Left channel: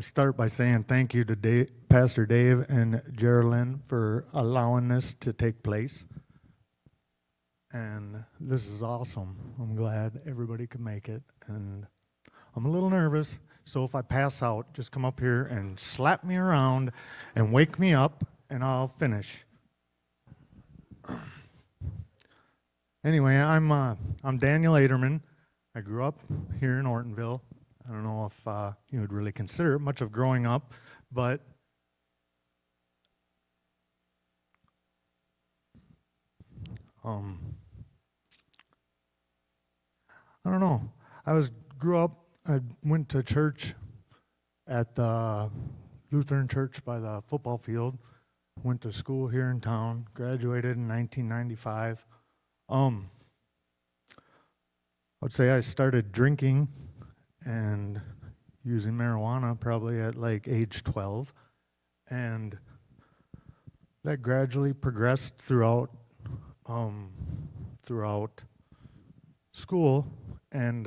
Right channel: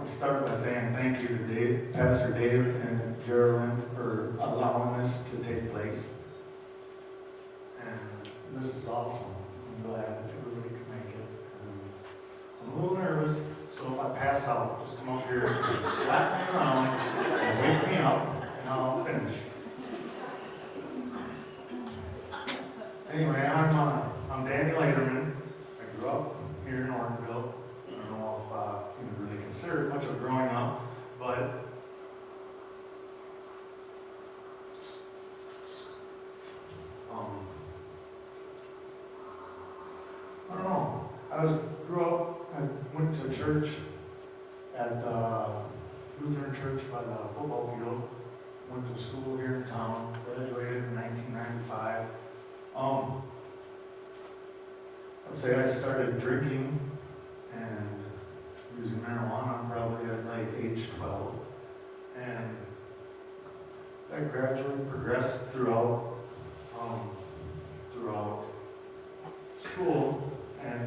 to start by saying thank you to Pastor Dave and Geraldine for allowing this to take place. And this is awesome. I'm glad everybody can make it. And I'm a little nervous, so if I pass out, just come up here and slap me around and wake me up, and I'll finish. Anyway, I'm Daniel Aderman. I grew up here in Ortonville. I don't know if you would really consider it much of growing up, but I don't know. Grew up. I went to church at the Lutheran church by the football field. Went to school here in town. Graduated in 1995. Let's say I started drinking and using marijuana probably at like age 12, and that gradually progressed throughout school, and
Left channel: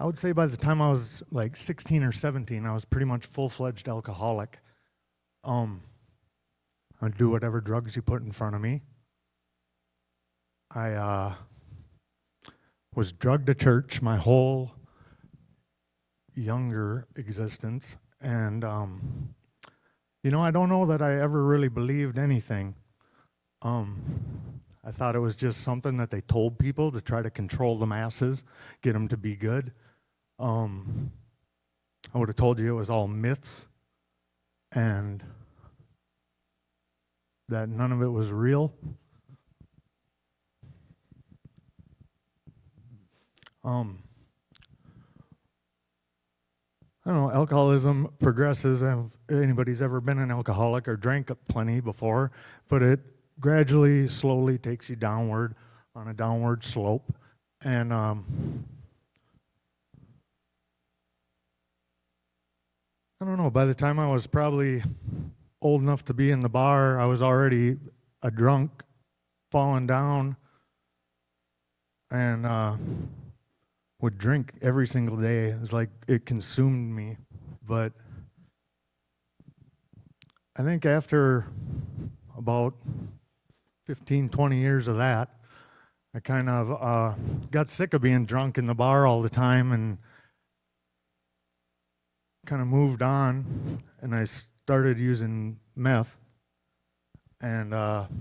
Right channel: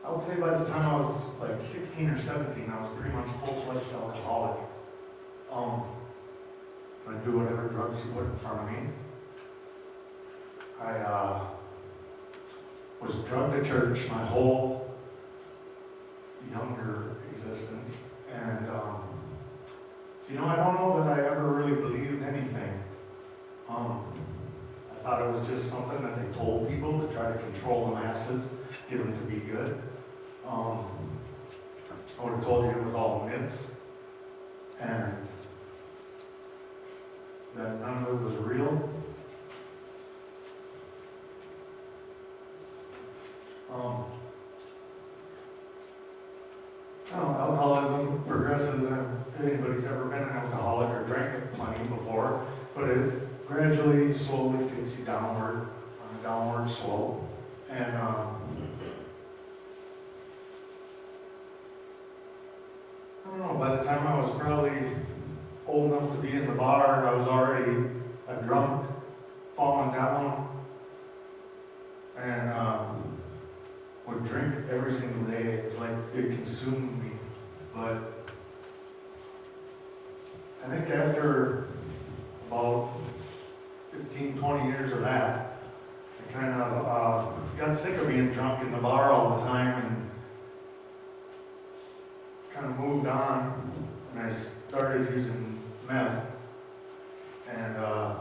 I would say by the time I was like 16 or 17, I was pretty much full-fledged alcoholic. I'd do whatever drugs you put in front of me. I was drugged to church my whole younger existence, and I don't know that I ever really believed anything. I thought it was just something that they told people to try to control the masses, get them to be good. I would have told you it was all myths, and that none of it was real. I don't know, alcoholism progresses, and if anybody's ever been an alcoholic or drank plenty before, but it gradually, slowly takes you downward, on a downward slope. And I don't know, by the time I was probably old enough to be in the bar, I was already a drunk, falling down, and would drink every single day. It was like it consumed me. But I think after about 15, 20 years of that, I kind of got sick of being drunk in the bar all the time and kind of moved on, and I started using meth. And I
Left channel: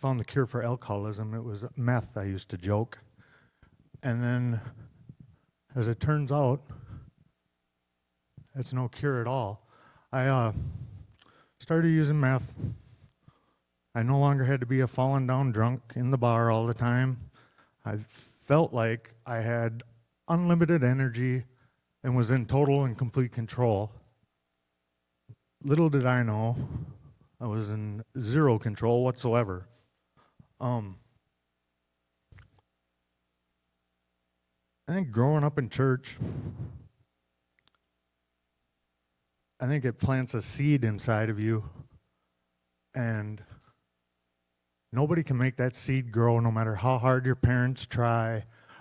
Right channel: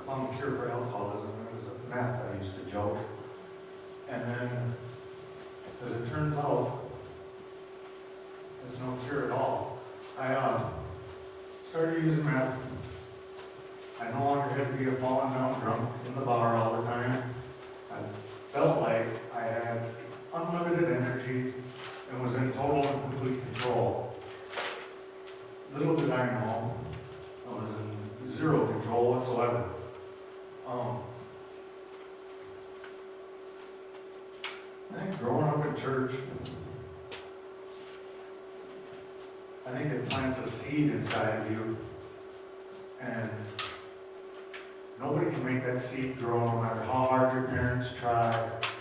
found the cure for alcoholism. It was meth, I used to joke. And then, as it turns out, it's no cure at all. I started using meth. I no longer had to be a fallen down drunk in the bar all the time. I felt like I had unlimited energy and was in total and complete control. Little did I know, I was in zero control whatsoever. I think growing up in church, I think it plants a seed inside of you, and nobody can make that seed grow no matter how hard your parents try,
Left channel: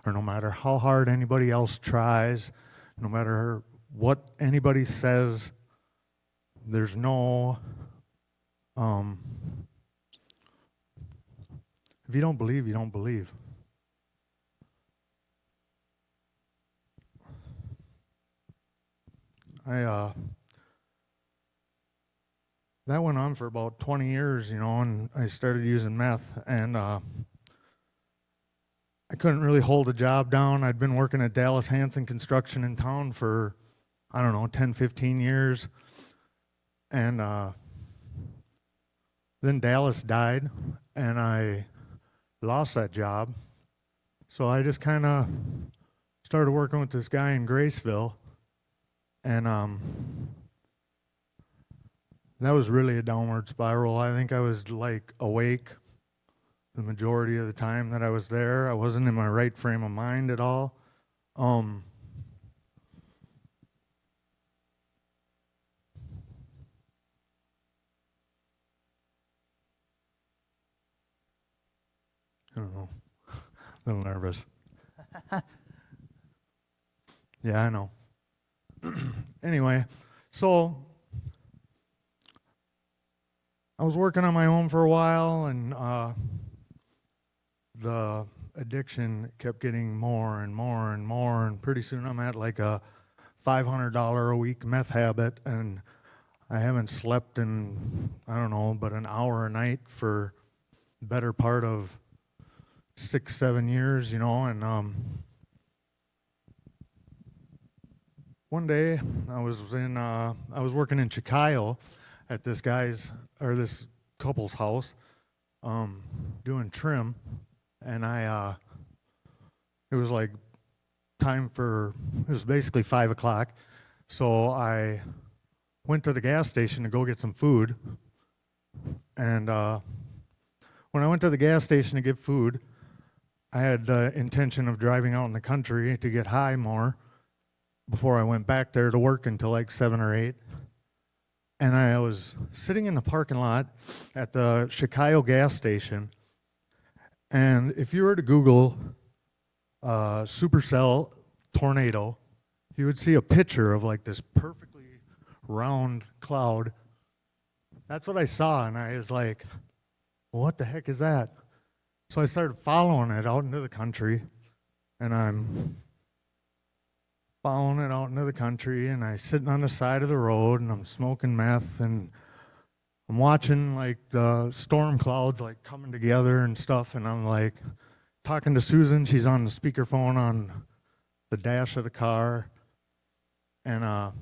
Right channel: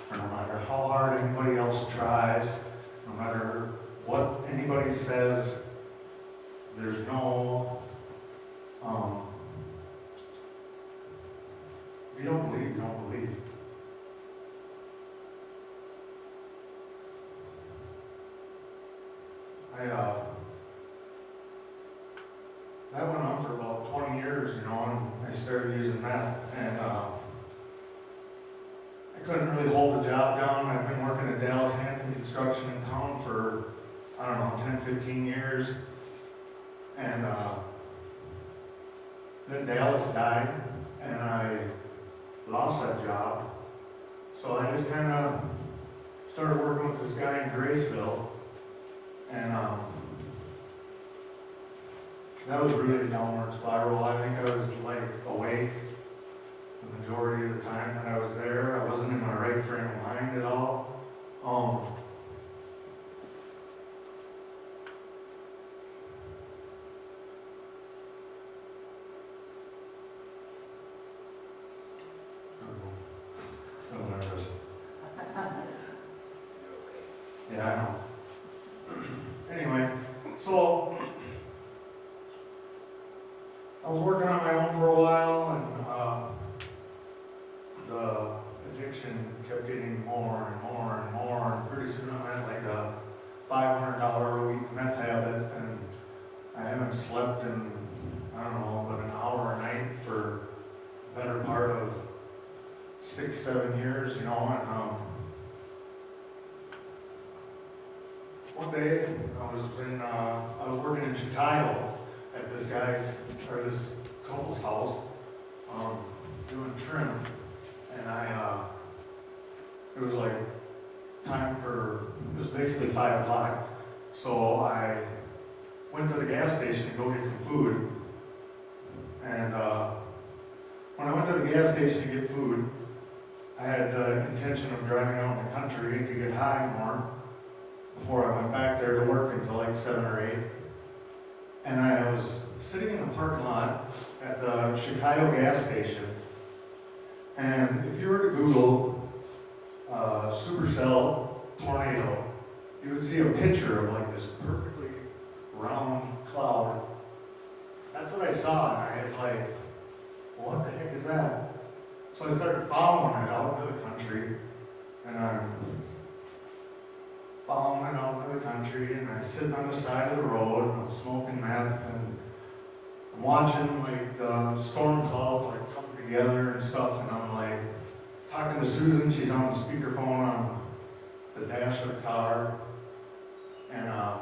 or no matter how hard anybody else tries, no matter what anybody says. There's no, if you don't believe, you don't believe. That went on for about 20 years, and I started using meth, and I couldn't really hold a job down. I'd been working at Dallas Hanson Construction in town for, 10, 15 years, and then Dallas died, and I lost that job, so I just kind of started working with this guy in Graceville, and that was really a downward spiral. I think I was like awake the majority of the time that I was there. I wasn't in my right frame of mind at all. I don't know. A little nervous. Yeah, I know. Anyway, so I was working on my own for a while, and the addiction kept getting more and more and more, and pretty soon I'm at like a $500 a week meth habit, and I haven't slept in, I don't know, but an hour a night for the better part of 6-7 years, you know, and one day I was working in Chicago at this this couple's house, doing trim, and it was like it was basically 5 o'clock, so I went to the gas station to go get some food, and when I went to the gas station to get food, I had the intention of driving out in the country to get high more before I went back there to work until like 7 or 8. And I was sitting in the parking lot at the Chicago gas station, and if you were to Google supercell tornado, you would see a picture of like this perfectly round cloud. That's what I saw, and I was like, what the heck is that? So I started following it out into the country, and I'm following it out into the country, and I'm sitting on the side of the road, and I'm smoking meth, and I'm watching like the storm clouds like come together and stuff, and I'm like talking to Susan. She's on the speakerphone on the dash of the car, and I'm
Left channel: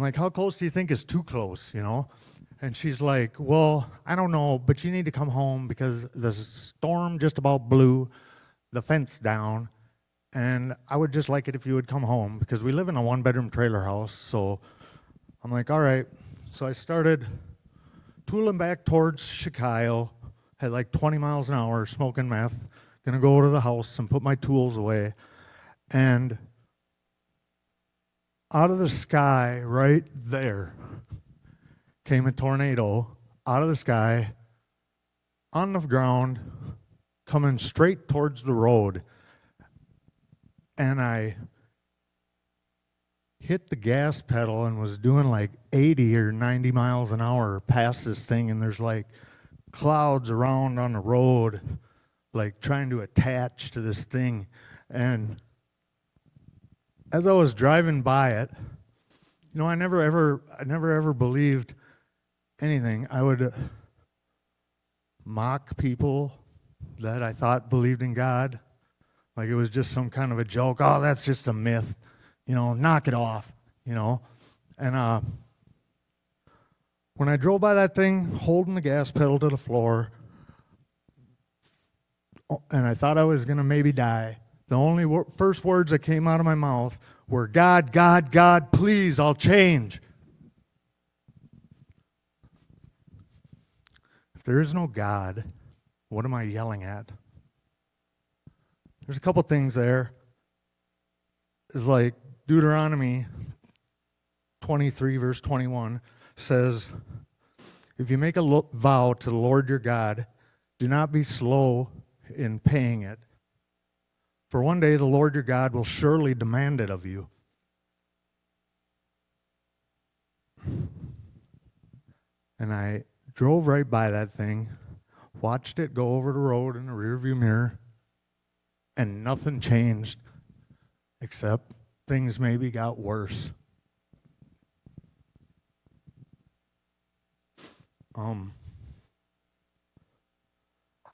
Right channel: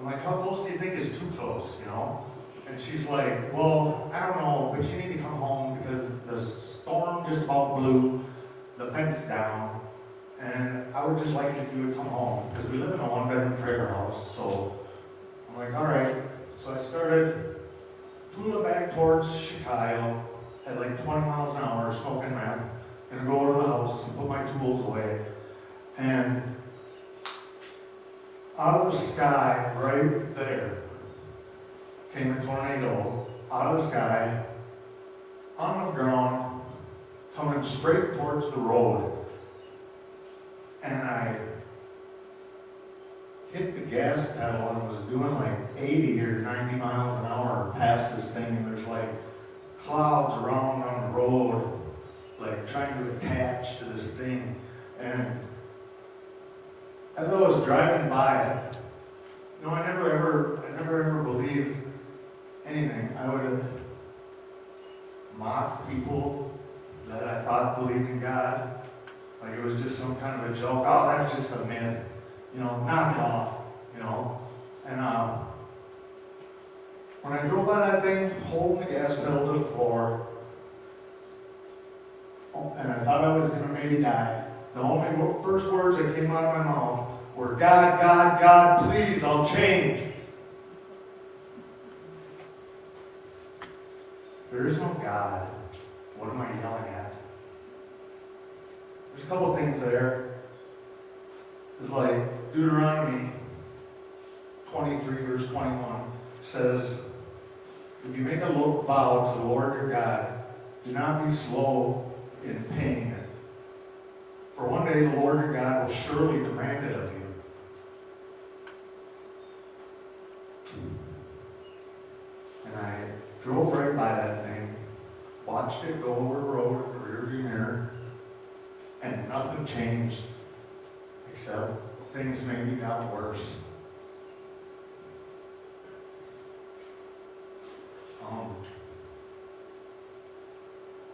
like, how close do you think is too close, you know? And she's like, well, I don't know, but you need to come home because the storm just about blew the fence down, and I would just like it if you would come home because we live in a 1-bedroom trailer house. So I'm like, all right. So I started tooling back towards Chicago at like 20 miles an hour, smoking meth, gonna go to the house and put my tools away. And out of the sky, right there, came a tornado out of the sky, on the ground, coming straight towards the road. And I hit the gas pedal and was doing like 80 or 90 miles an hour past this thing, and there's like clouds around on the road, like trying to attach to this thing. And as I was driving by it, you know, I never ever believed anything. I would mock people that I thought believed in God, like it was just some kind of a joke. Oh, that's just a myth, you know, knock it off, you know. And when I drove by that thing, holding the gas pedal to the floor, and I thought I was gonna maybe die, the only first words that came out of my mouth were, God, God, God, please, I'll change. If there is no God, what am I yelling at? There's a couple things there. It's like Deuteronomy 23 verse 21 says, if you make a vow to the Lord your God, do not be slow in paying it. For one day the Lord your God will surely demand it of you. And I drove right by that thing, watched it go over the road in the rearview mirror, and nothing changed, except things maybe got worse.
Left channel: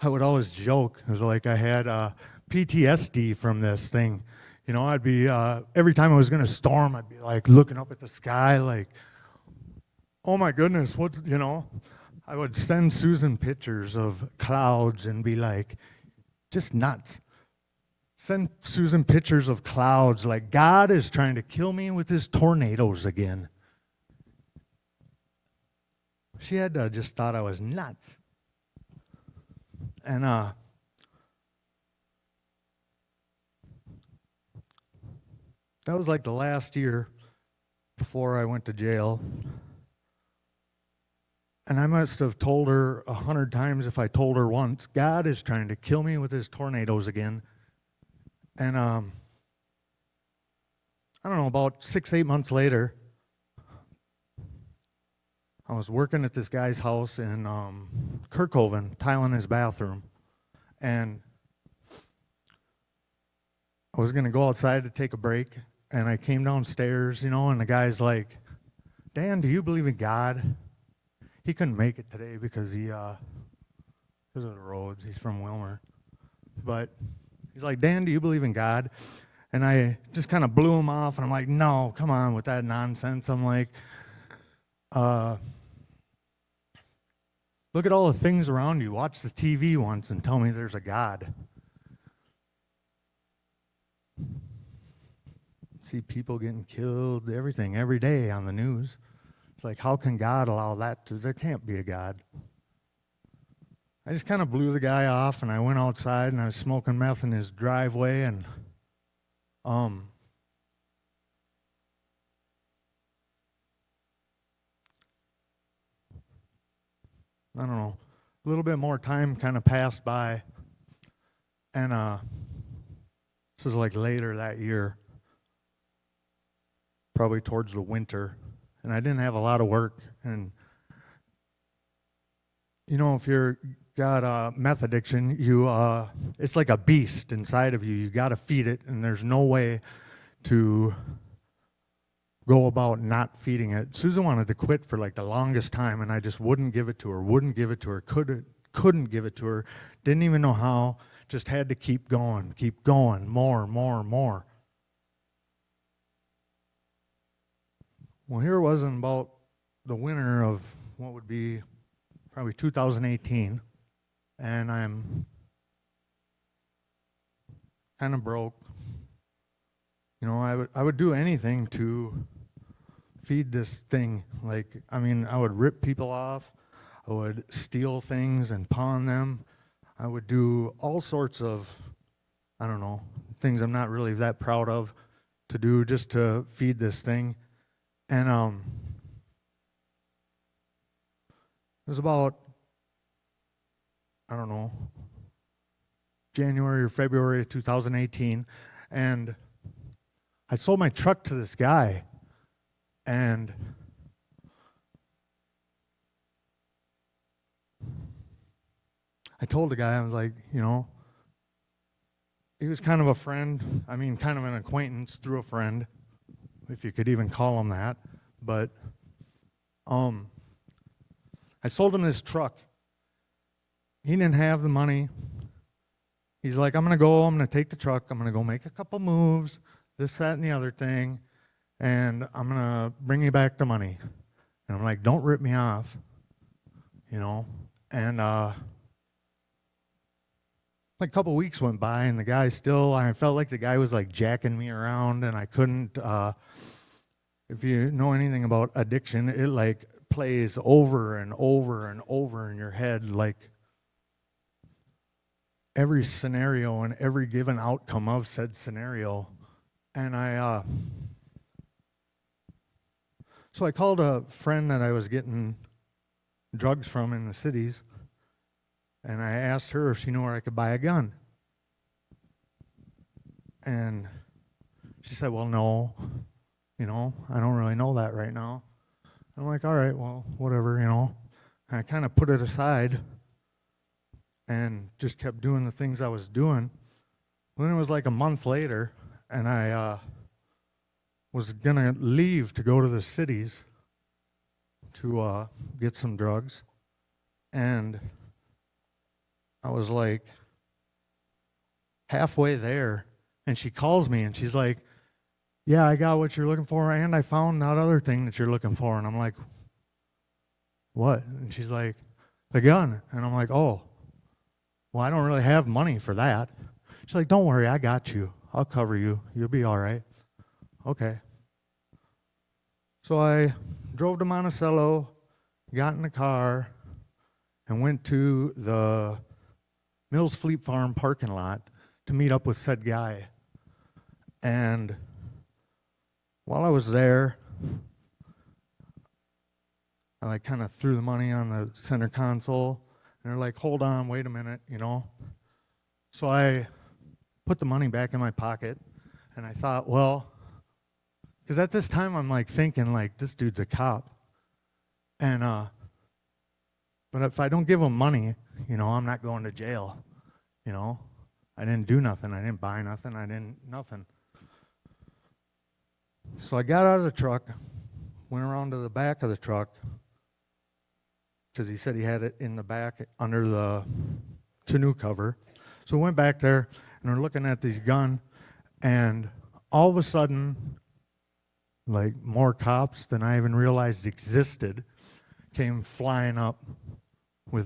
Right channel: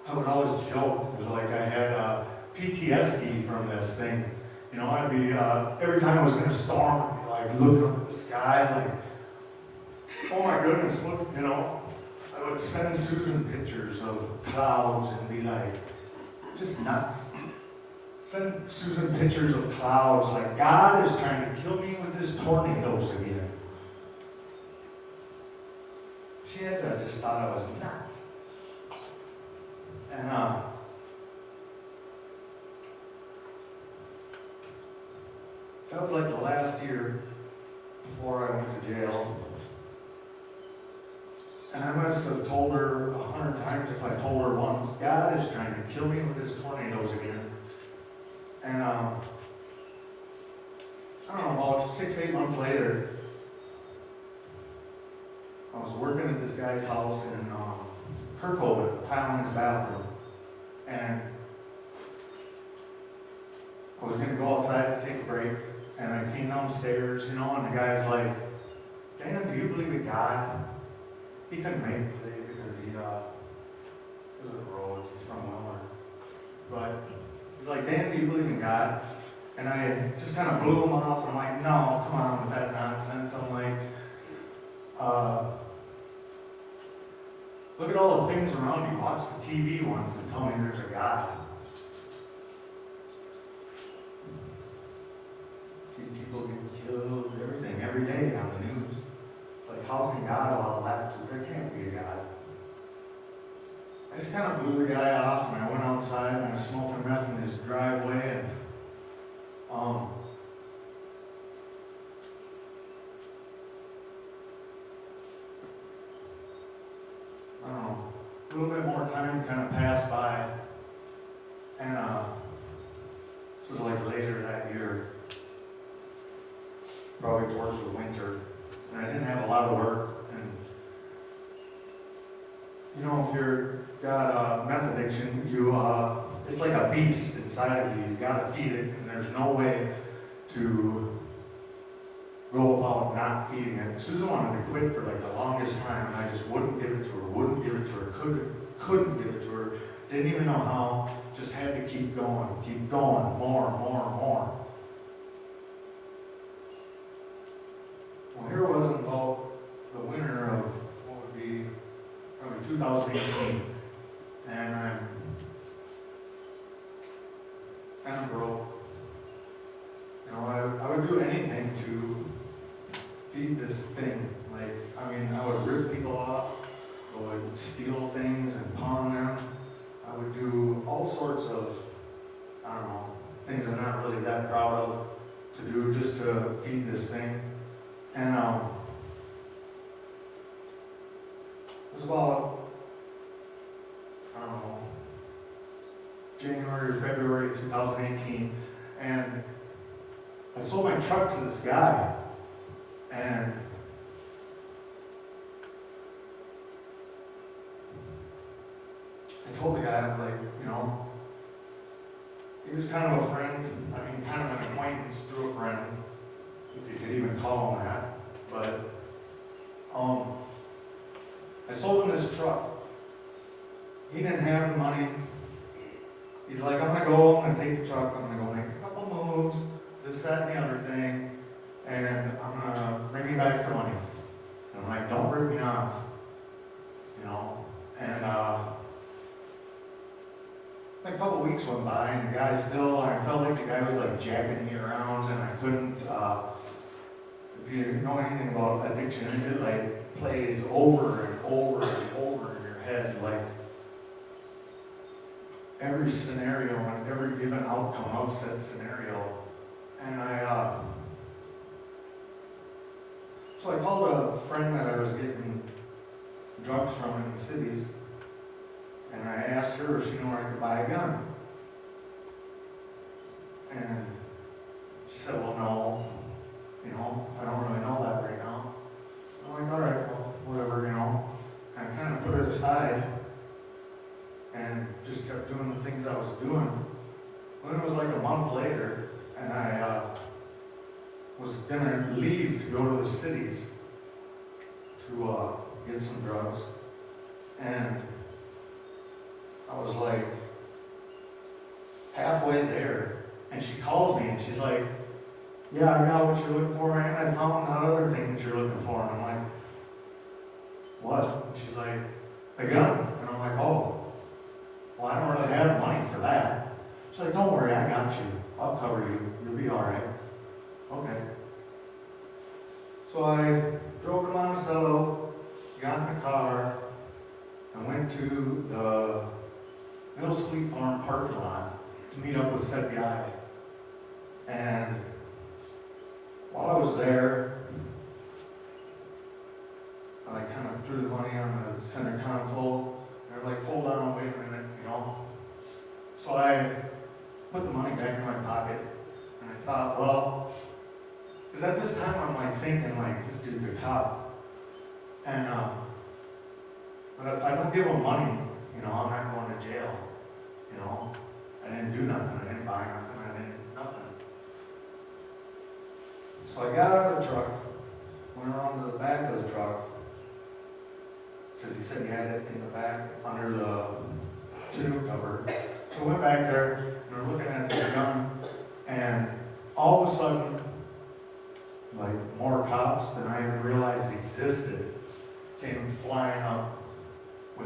I would always joke, it was like I had PTSD from this thing. You know, I'd be, every time I was gonna storm, like looking up at the sky, like, oh my goodness, what, you know? I would send Susan pictures of clouds and be like, just nuts. Send Susan pictures of clouds like, God is trying to kill me with his tornadoes again. She had just thought I was nuts. And that was like the last year before I went to jail. And I must have told her 100 times if I told her once, God is trying to kill me with his tornadoes again. And I don't know, about 6-8 months later, I was working at this guy's house in Kirkhoven, tiling his bathroom. And I was gonna go outside to take a break, and I came downstairs, and the guy's like, Dan, do you believe in God? He couldn't make it today because of the roads, he's from Wilmer. But he's like, Dan, do you believe in God? And I just kind of blew him off, and I'm like, no, come on with that nonsense. I'm like, look at all the things around you. Watch the TV once and tell me there's a God. See people getting killed, everything, every day on the news. It's like, how can God allow that to? There can't be a God. I just kind of blew the guy off, and I went outside, and I was smoking meth in his driveway, and I don't know, a little bit more time kind of passed by, and this was like later that year, probably towards the winter, and I didn't have a lot of work. And if you're got a meth addiction, it's like a beast inside of you. You got to feed it, and there's no way to go about not feeding it. Susan wanted to quit for like the longest time, and I just wouldn't give it to her, couldn't give it to her, didn't even know how, just had to keep going, more. Well, here it was in about the winter of what would be probably 2018, and I'm kind of broke. I would do anything to feed this thing. I would rip people off, I would steal things and pawn them. I would do all sorts of, things I'm not really that proud of to do just to feed this thing. And it was about, January or February of 2018, and I sold my truck to this guy, and I told the guy, he was kind of a friend, kind of an acquaintance through a friend, if you could even call him that, but I sold him this truck. He didn't have the money. He's like, I'm gonna go, I'm gonna take the truck, I'm gonna go make a couple moves, this, that, and the other thing, and I'm gonna bring you back the money. And I'm like, don't rip me off, and a couple weeks went by, and the guy I felt like the guy was like jacking me around, and I couldn't, if you know anything about addiction, it plays over and over and over in your head, every scenario and every given outcome of said scenario. And so I called a friend that I was getting drugs from in the cities, and I asked her if she knew where I could buy a gun. And she said, well, no, I don't really know that right now. I'm like, all right, well, whatever, And I kind of put it aside and just kept doing the things I was doing. Then it was like a month later, and I was gonna leave to go to the cities to get some drugs. And I was like halfway there, and she calls me and she's like, yeah, I got what you're looking for, and I found that other thing that you're looking for. And I'm like, what? And she's like, the gun. And I'm like, oh, well, I don't really have money for that. She's like, don't worry, I got you. I'll cover you. You'll be all right. Okay. So I drove to Monticello, got in the car, and went to the Mills Fleet Farm parking lot to meet up with said guy. And while I was there, I I kind of threw the money on the center console, and they're like, hold on, wait a minute, you know. So I put the money back in my pocket, and I thought, well, because at this time I'm like thinking like, this dude's a cop. And, but if I don't give him money, you know, I'm not going to jail, you know. I didn't do nothing, I didn't buy nothing, nothing. So I got out of the truck, went around to the back of the truck, because he said he had it in the back under the tonneau cover. So we went back there, and we're looking at this gun, and all of a sudden, like more cops than I even realized existed came flying up with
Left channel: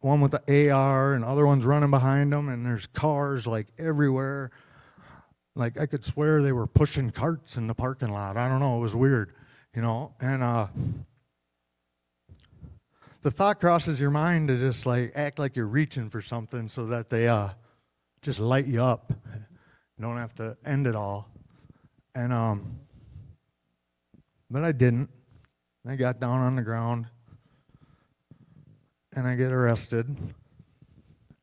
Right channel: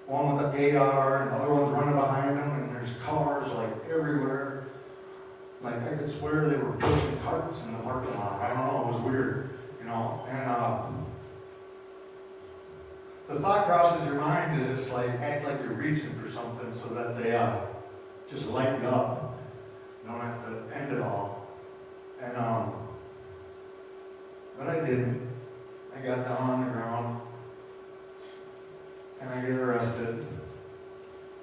one with the AR and other ones running behind them, and there's cars like everywhere. Like I could swear they were pushing carts in the parking lot. I don't know, it was weird, you know. And the thought crosses your mind to just like act like you're reaching for something so that they just light you up. You don't have to end it all. And but I didn't. I got down on the ground and I get arrested.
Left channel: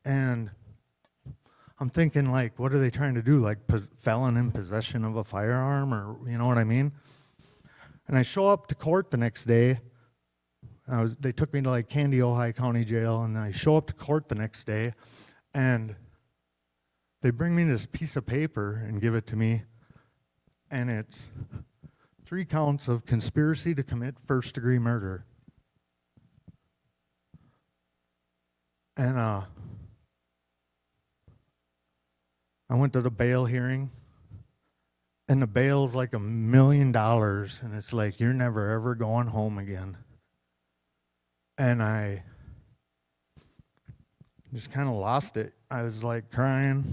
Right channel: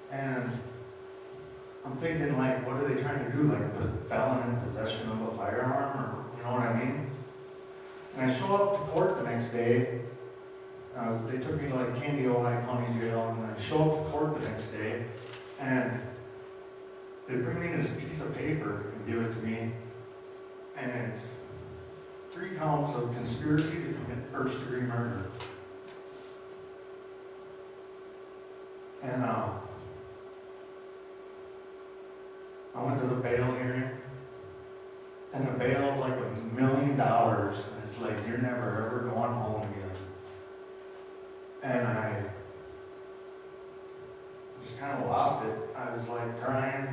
And I'm thinking like, what are they trying to do? Like felon in possession of a firearm, or you know what I mean? And I show up to court the next day. They took me to like Candy, Ojai County Jail, and I show up to court the next day, and they bring me this piece of paper and give it to me, and it's 3 counts of conspiracy to commit first-degree murder. And I went to the bail hearing, and the bail's like $1 million, and it's like, you're never ever going home again. And I just kind of lost it. I was like crying,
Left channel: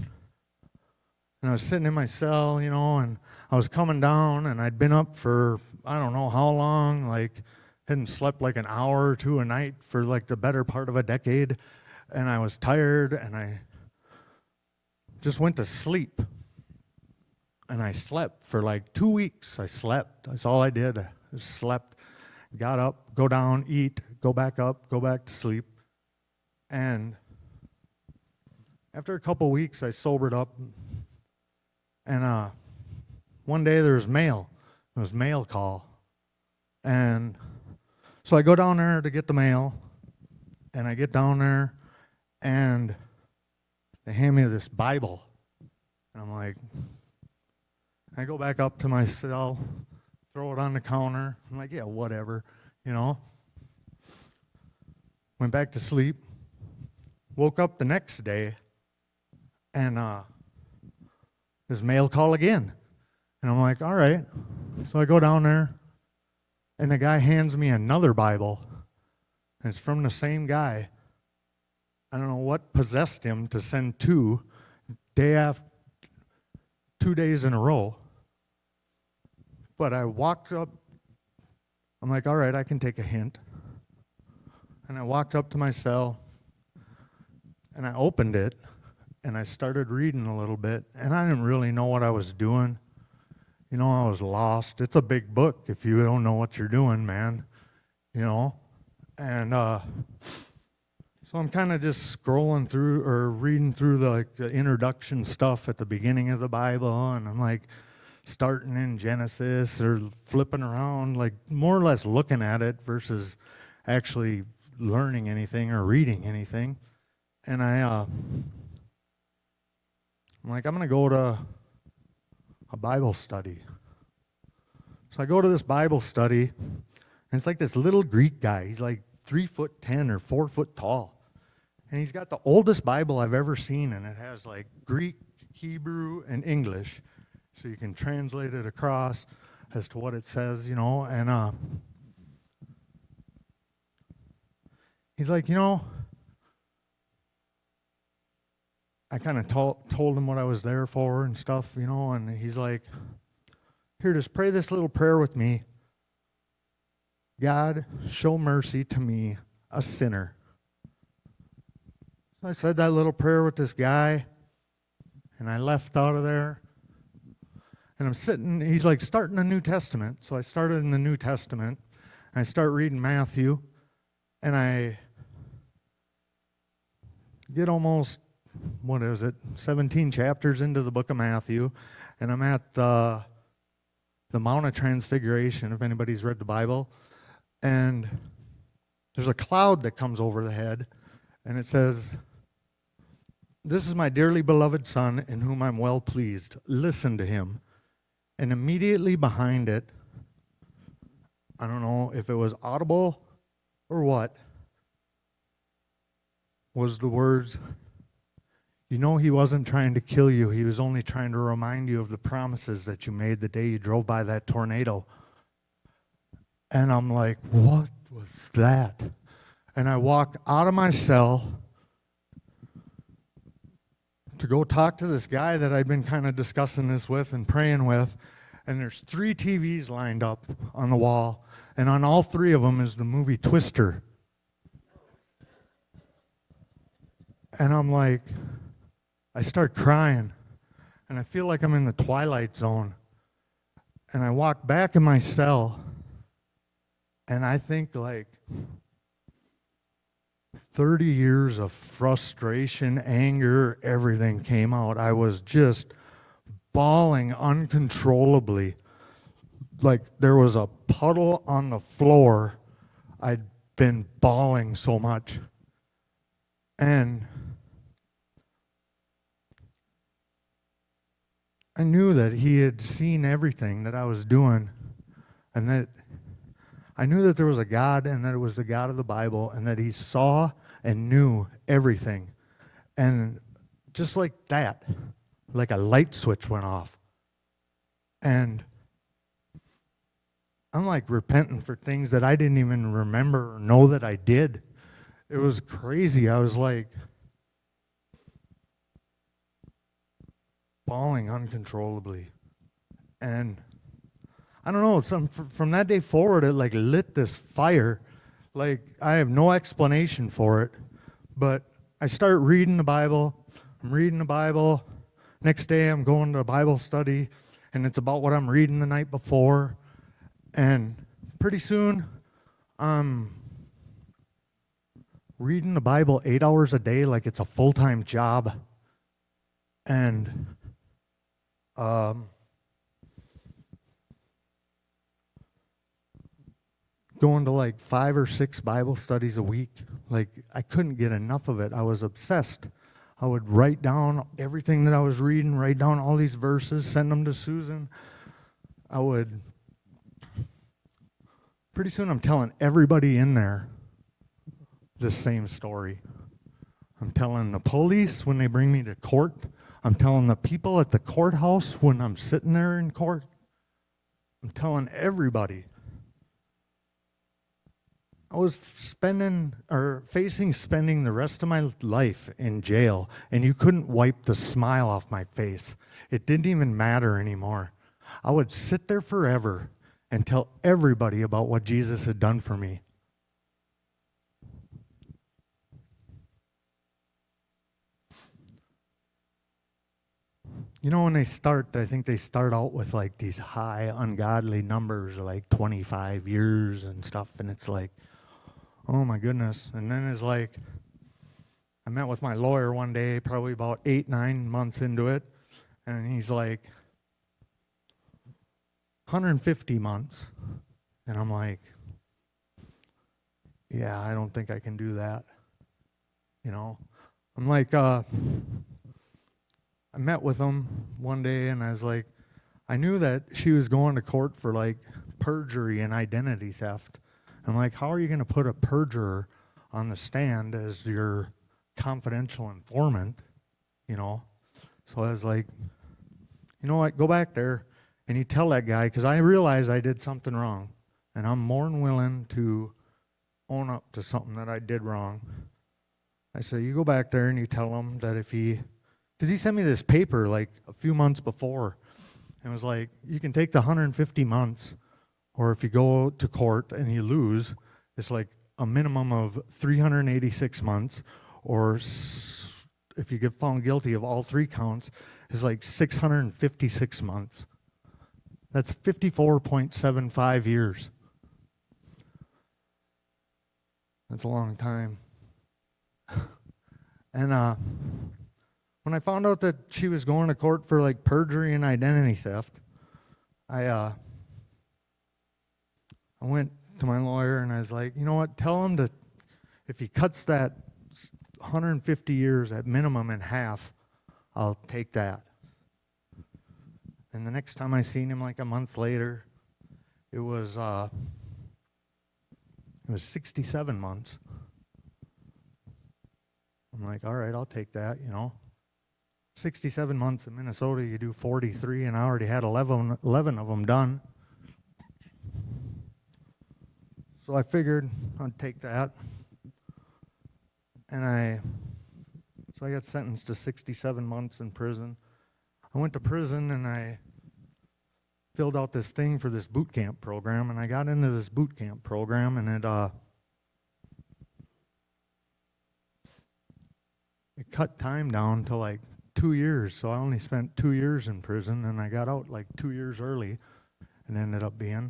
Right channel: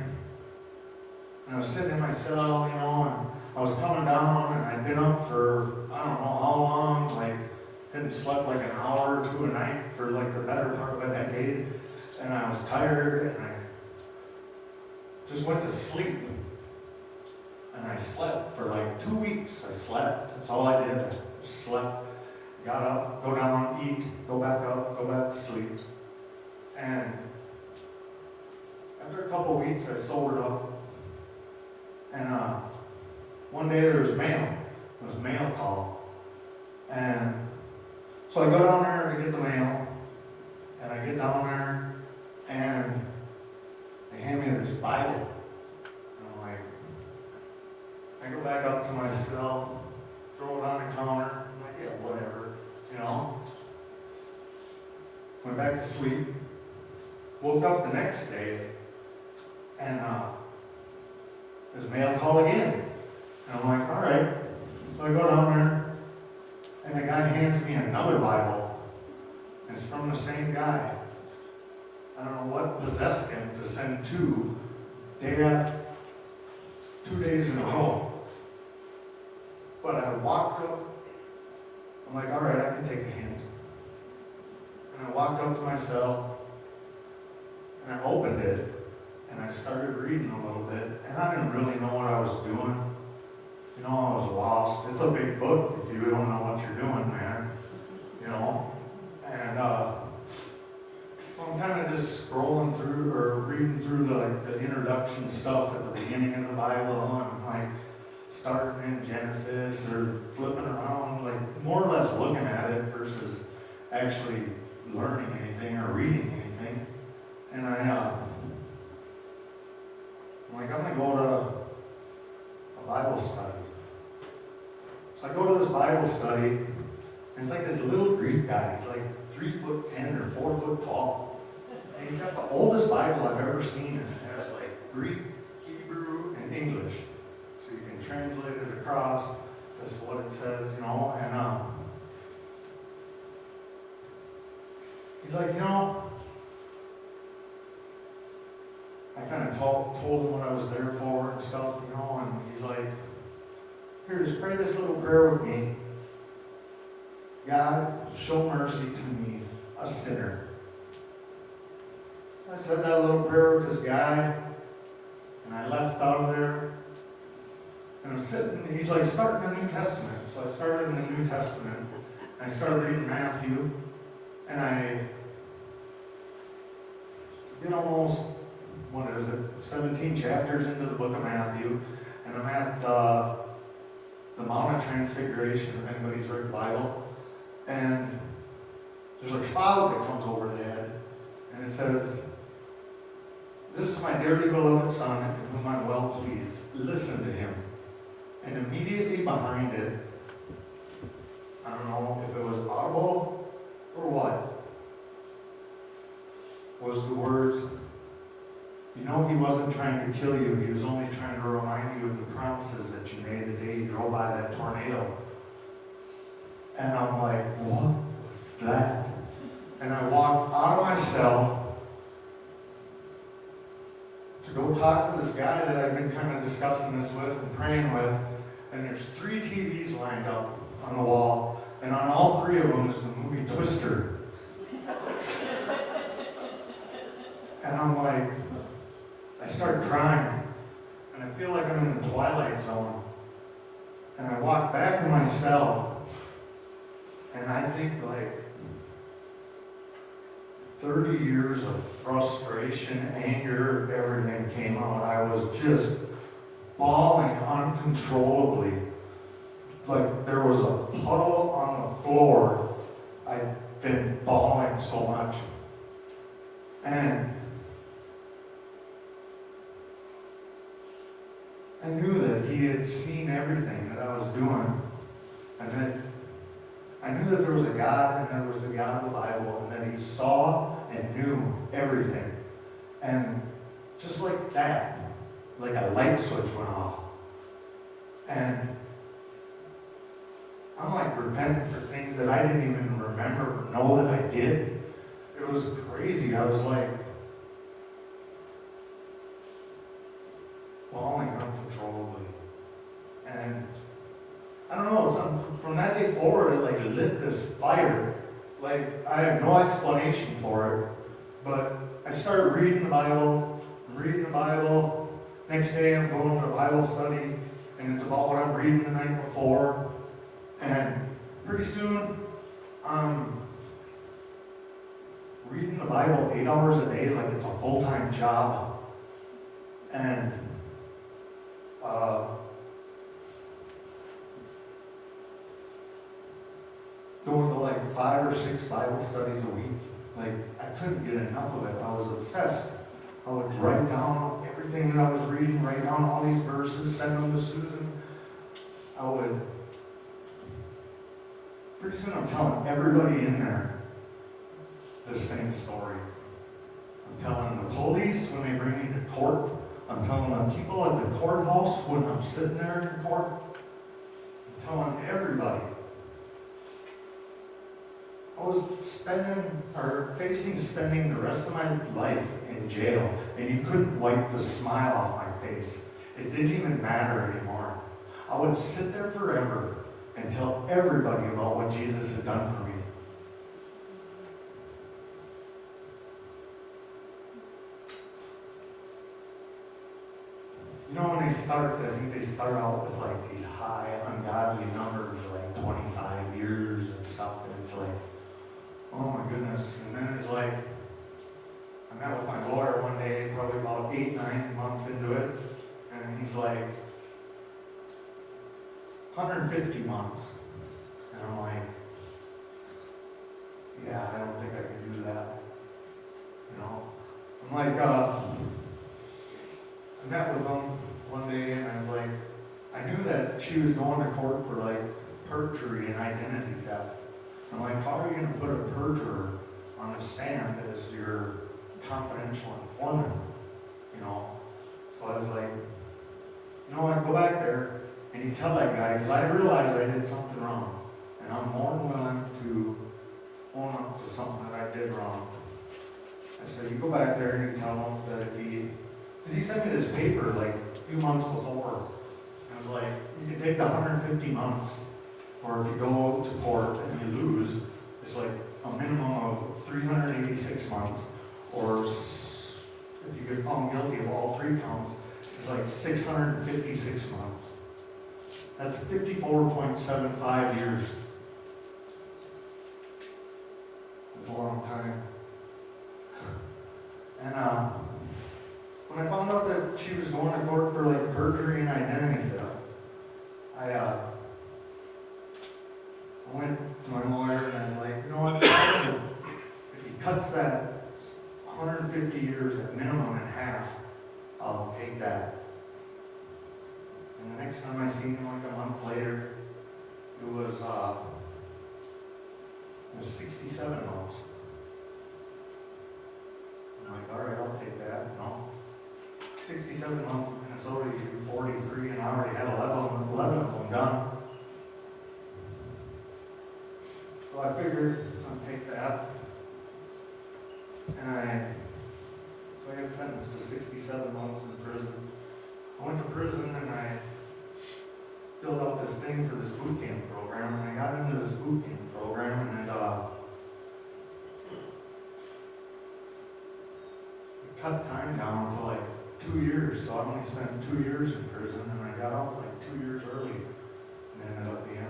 and I was sitting in my cell, you know, and I was coming down, and I'd been up for, I don't know how long, like, hadn't slept like an hour or 2 a night for like the better part of a decade, and I was tired, and I just went to sleep. And I slept for like 2 weeks. I slept. That's all I did. I just slept. Got up, go down, eat, go back up, go back to sleep. And after a couple weeks, I sobered up. And one day there was mail. It was mail call. And so I go down there to get the mail. And I get down there, and they hand me this Bible. And I'm like, I go back up to my cell, throw it on the counter. I'm like, yeah, whatever, you know. Went back to sleep. Woke up the next day, and this mail call again. And I'm like, all right. So I go down there, and the guy hands me another Bible. And it's from the same guy. I don't know what possessed him to send 2 days in a row. But I walked up, I'm like, all right, I can take a hint. And I walked up to my cell, and I opened it, and I started reading a little bit, and I didn't really know what I was doing. You know, I was lost. It's a big book if you don't know what you're doing, man. You know? And so I'm kind of just scrolling through, or reading through the introduction stuff at the beginning of the Bible, and I'm like, starting in Genesis or flipping around, like more or less looking at it versus actually learning anything or reading anything. And I'm like, I'm gonna go to a Bible study. So I go to this Bible study, and it's like this little Greek guy. He's like 3'10" or 4 foot tall. And he's got the oldest Bible I've ever seen, and it has like Greek, Hebrew, and English. So you can translate it across as to what it says, you know, and he's like, you know, I kind of told him what I was there for and stuff, you know, and he's like, here, just pray this little prayer with me. God, show mercy to me, a sinner. I said that little prayer with this guy, and I left out of there. And I'm sitting, he's like starting the New Testament. So I started in the New Testament. I start reading Matthew, and I get almost, 17 chapters into the book of Matthew, and I'm at the Mount of Transfiguration, if anybody's read the Bible, and there's a cloud that comes over the head, and it says, "This is my dearly beloved Son, in whom I'm well pleased. Listen to him." And immediately behind it, I don't know if it was audible or what, was the words, "You know he wasn't trying to kill you. He was only trying to remind you of the promises that you made the day you drove by that tornado." And I'm like, what was that? And I walk out of my cell to go talk to this guy that I've been kind of discussing this with and praying with, and there's 3 TVs lined up on the wall, and on all 3 of them is the movie Twister. And I'm like, I start crying, and I feel like I'm in the Twilight Zone. And I walk back in my cell, and I think like 30 years of frustration, anger, everything came out. I was just bawling uncontrollably. Like there was a puddle on the floor. I'd been bawling so much. And I knew that he had seen everything that I was doing, and that I knew that there was a God, and that it was the God of the Bible, and that he saw and knew everything. And just like that, like a light switch went off. And I'm like repenting for things that I didn't even remember, know that I did. It was crazy. I was like bawling uncontrollably. And I don't know, from that day forward, it like lit this fire. Like I have no explanation for it, but I start reading the Bible. I'm reading the Bible. Next day I'm going to a Bible study, and it's about what I'm reading the night before. And pretty soon, I'm reading the Bible 8 hours a day like it's a full-time job. And going to like 5 or 6 Bible studies a week. Like I couldn't get enough of it. I was obsessed. I would write down everything that I was reading, write down all these verses, send them to Susan. Pretty soon I'm telling everybody in there the same story. I'm telling the police when they bring me to court. I'm telling the people at the courthouse when I'm sitting there in court. I'm telling everybody. I was facing spending the rest of my life in jail, and you couldn't wipe the smile off my face. It didn't even matter anymore. I would sit there forever and tell everybody about what Jesus had done for me. You know, when they start, I think they start out with like these high, ungodly numbers, like 25 years and stuff, and it's like, oh my goodness. And then it's like, I met with my lawyer one day, probably about 8-9 months into it, and he's like, 150 months. And I'm like, yeah, I don't think I can do that. You know? I'm like, I met with him one day, and I was like, I knew that she was going to court for like perjury and identity theft. I'm like, how are you going to put a perjurer on the stand as your confidential informant? You know? So I was like, you know what, go back there and you tell that guy, because I realize I did something wrong. And I'm more than willing to own up to something that I did wrong. I said, you go back there and you tell him that if because he sent me this paper like a few months before. It was like, you can take the 150 months, or if you go to court and you lose, it's like a minimum of 386 months, or if you get found guilty of all 3 counts, it's like 656 months. That's 54.75 years. That's a long time. And when I found out that she was going to court for like perjury and identity theft, I went to my lawyer and I was like, you know what, tell him that if he cuts that 150 years at minimum in half, I'll take that. And the next time I seen him, like a month later, it was 67 months. I'm like, all right, I'll take that, 67 months in Minnesota, you do 43, and I already had 11 of them done. So I figured I'd take that. And so I got sentenced to 67 months in prison. I went to prison and I filled out this thing for this boot camp program, and I got into this boot camp program, and it cut time down to like 2 years, so I only spent 2 years in prison, and I got out like 2 years early, and ended up being.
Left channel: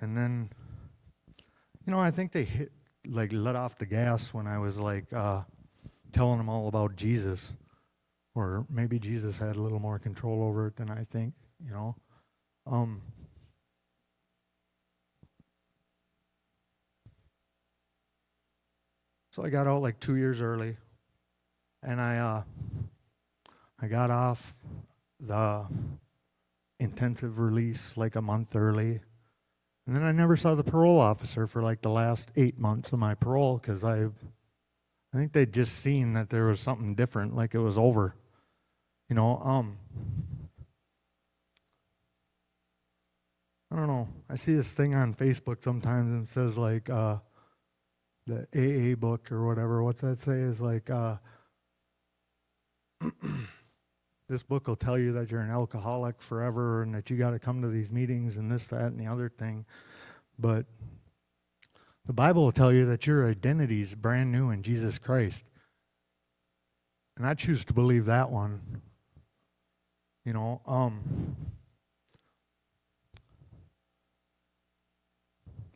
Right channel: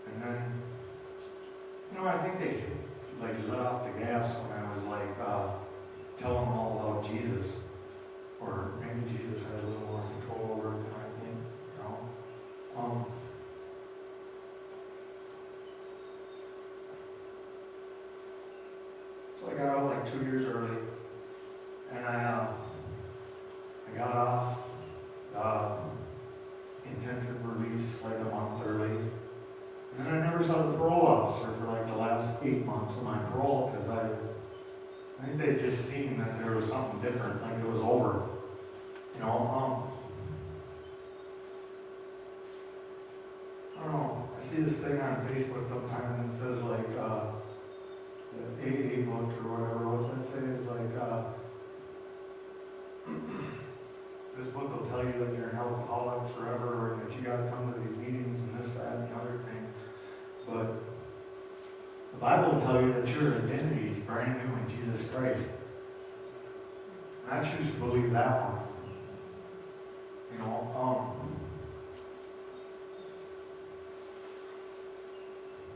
And then, I think they let off the gas when I was like telling them all about Jesus, or maybe Jesus had a little more control over it than I think, So I got out like 2 years early, and I got off the intensive release like a month early. And then I never saw the parole officer for like the last 8 months of my parole, because I think they'd just seen that there was something different, like it was over. I don't know. I see this thing on Facebook sometimes and it says like the AA book or whatever. What's that say? It's like this book will tell you that you're an alcoholic forever and that you got to come to these meetings and this, that, and the other thing. But the Bible will tell you that your identity is brand new in Jesus Christ. And I choose to believe that one.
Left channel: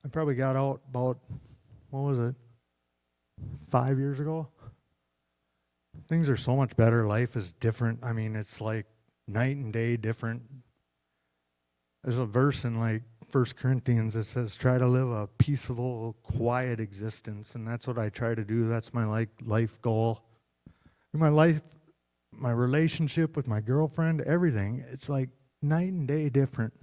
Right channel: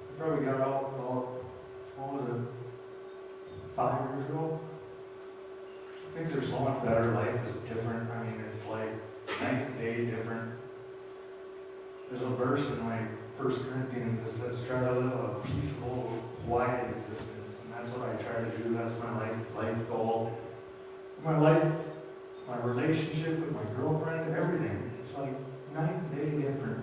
I probably got out about, 5 years ago? Things are so much better. Life is different. I mean, it's like night and day different. There's a verse in like 1 Corinthians that says, try to live a peaceable, quiet existence. And that's what I try to do. That's my life goal. In my life, my relationship with my girlfriend, everything, it's like night and day different.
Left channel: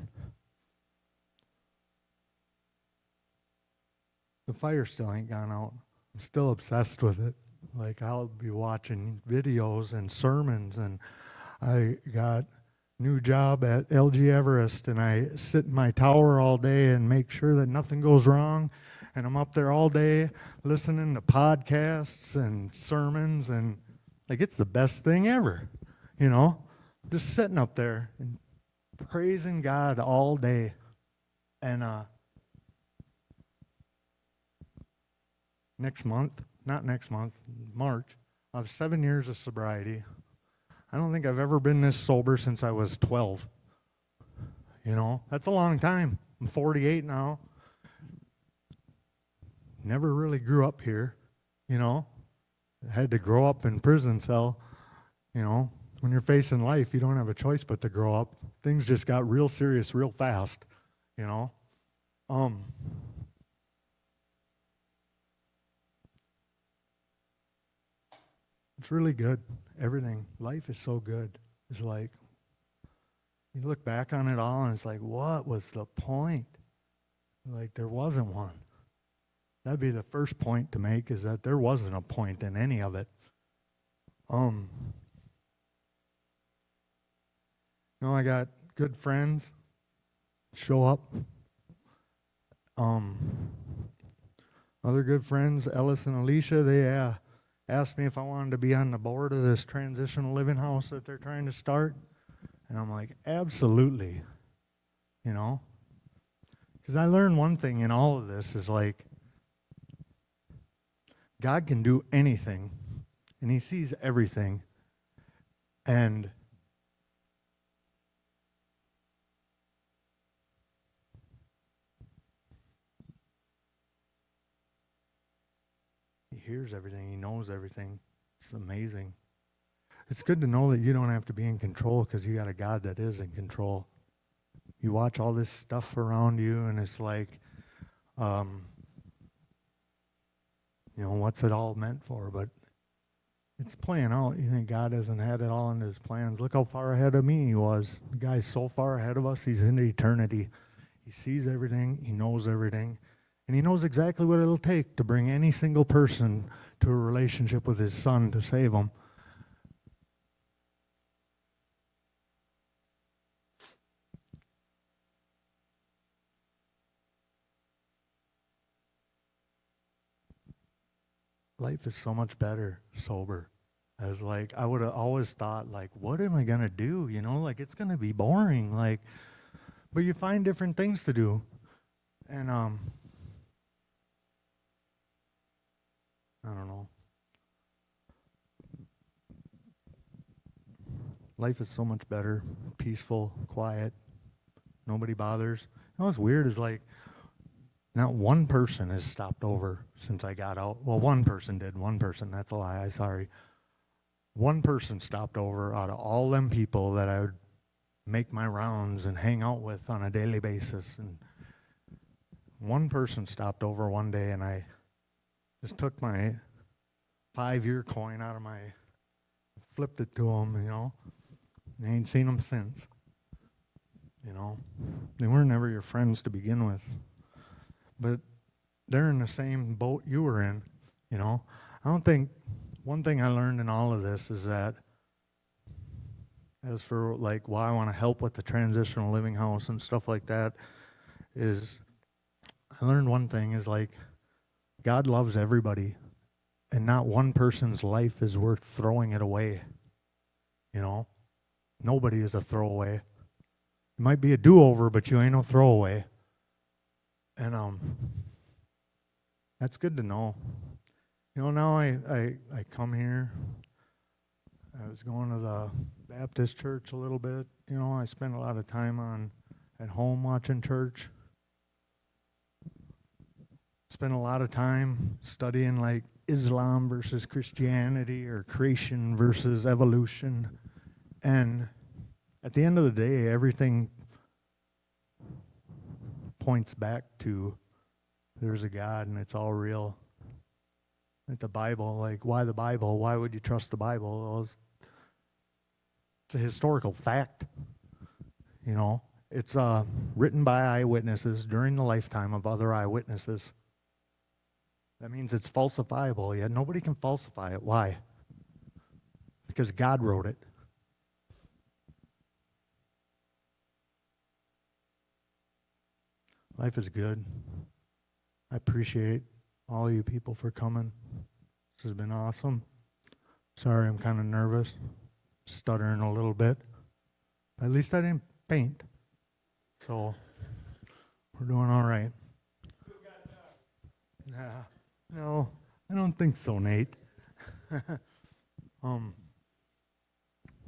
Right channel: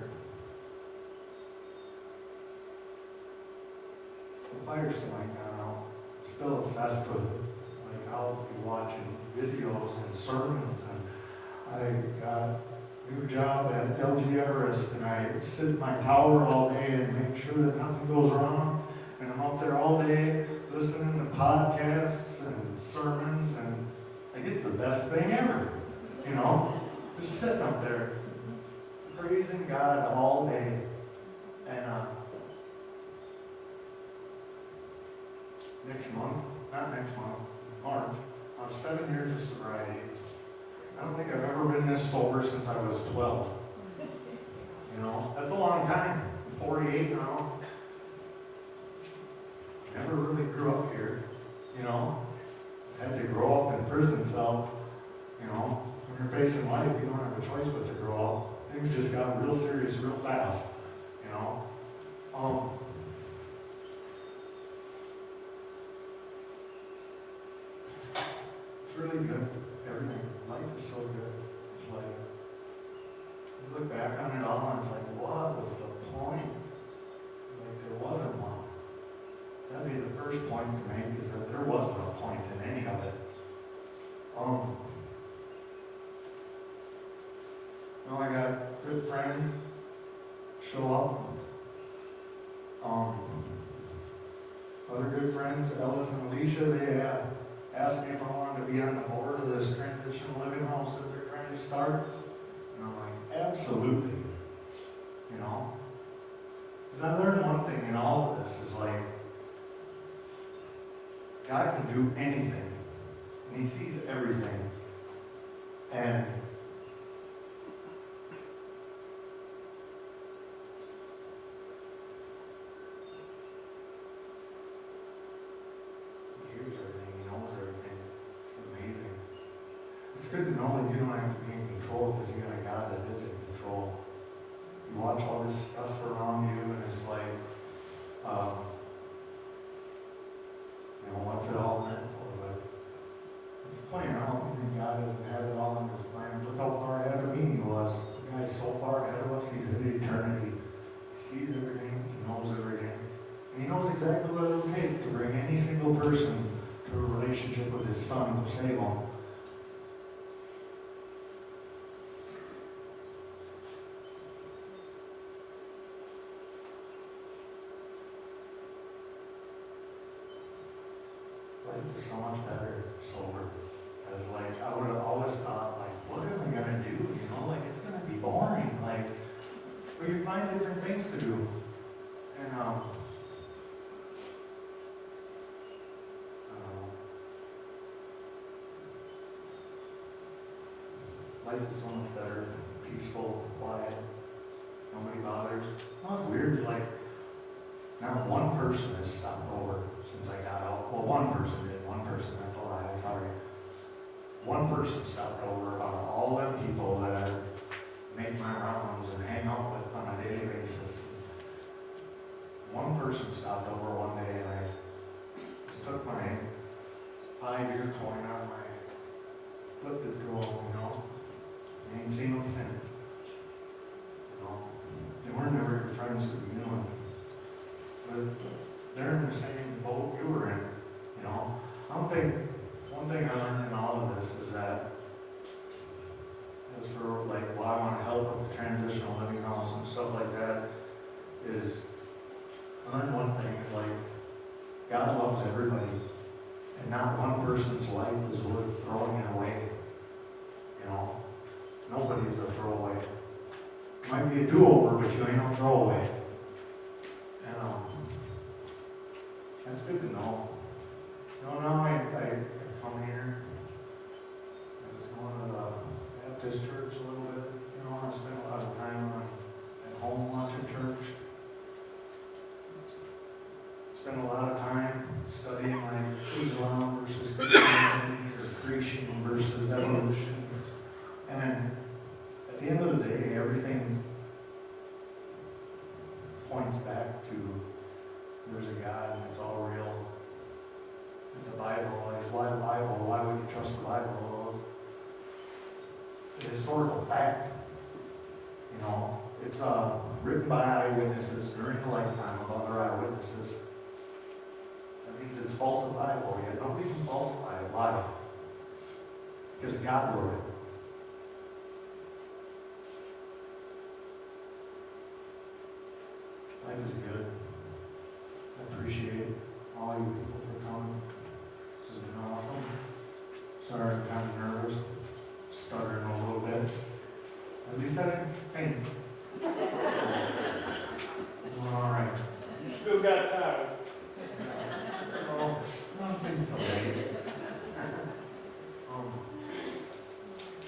The fire still ain't gone out. I'm still obsessed with it. Like, I'll be watching videos and sermons, and I got a new job at LG Everest, and I sit in my tower all day and make sure that nothing goes wrong, and I'm up there all day listening to podcasts and sermons, and like, it's the best thing ever, just sitting up there praising God all day. And March, I have 7 years of sobriety. I don't think I've ever been this sober since I was 12. That's a long time. I'm 48 now. Never really grew up here, I had to grow up in a prison cell. When you're facing life, you don't have a choice but to grow up. Things just got real serious real fast, It's really good. Everything. Life is so good. It's like, you look back on it all and it's like, what was the point? Like, there wasn't one. That'd be the first point to make, is that there wasn't a point in any of it. I got good friends show up. Other good friends, Ellis and Alicia, they asked me if I wanted to be on the board of this transitional living house that they're trying to start. And I'm like, absolutely. Because I learned one thing in all of this is like, God can do anything, and He sees everything. And hears everything, he knows everything. It's amazing. It's good to know that you don't have to be in control because you got a God that is in control. You watch all this stuff around you and it's like, what's it all meant for? But it's playing out. You think God hasn't had it all in his plans. Look how far ahead of me he was. The guy's so far ahead of us, he's into eternity. He sees everything, he knows everything. And he knows exactly what it'll take to bring any single person to a relationship with his son to save them. Life is so much better sober. As I would have always thought, what am I gonna do? It's gonna be boring. But you find different things to do. And I don't know. Life is so much better, peaceful, quiet. Nobody bothers. What's weird is not one person has stopped over since I got out. Well, one person did. One person, that's a lie, sorry. One person stopped over out of all them people that I make my rounds and hang out with on a daily basis. One person stopped over one day and I just took my 5-year coin out and flipped it to them, They ain't seen them since. They weren't ever your friends to begin with. But they're in the same boat you were in, I don't think, one thing I learned in all of this is that, as for why I want to help with the transitional living house and stuff like that, is I learned one thing is God loves everybody, and not one person's life is worth throwing it away. Nobody is a throwaway. It might be a do-over, but you ain't no throwaway. And that's good to know. Now I come here. I was going to the Baptist church a little bit. I spend a lot of time at home watching church. Spend a lot of time studying Islam versus Christianity or creation versus evolution. And at the end of the day, everything points back to there's a God and it's all real. The Bible, why the Bible? Why would you trust the Bible? Well, it's a historical fact. It's written by eyewitnesses during the lifetime of other eyewitnesses. That means it's falsifiable, yet nobody can falsify it. Why? Because God wrote it. Life is good. I appreciate all you people for coming. This has been awesome. Sorry, I'm kind of nervous. Stuttering a little bit. At least I didn't faint. So, I'm doing all right. You still got time. No, I don't think so, Nate.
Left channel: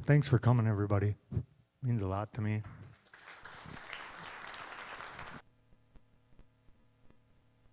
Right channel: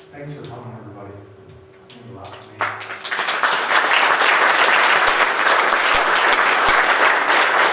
Thanks for coming, everybody. It means a lot to me.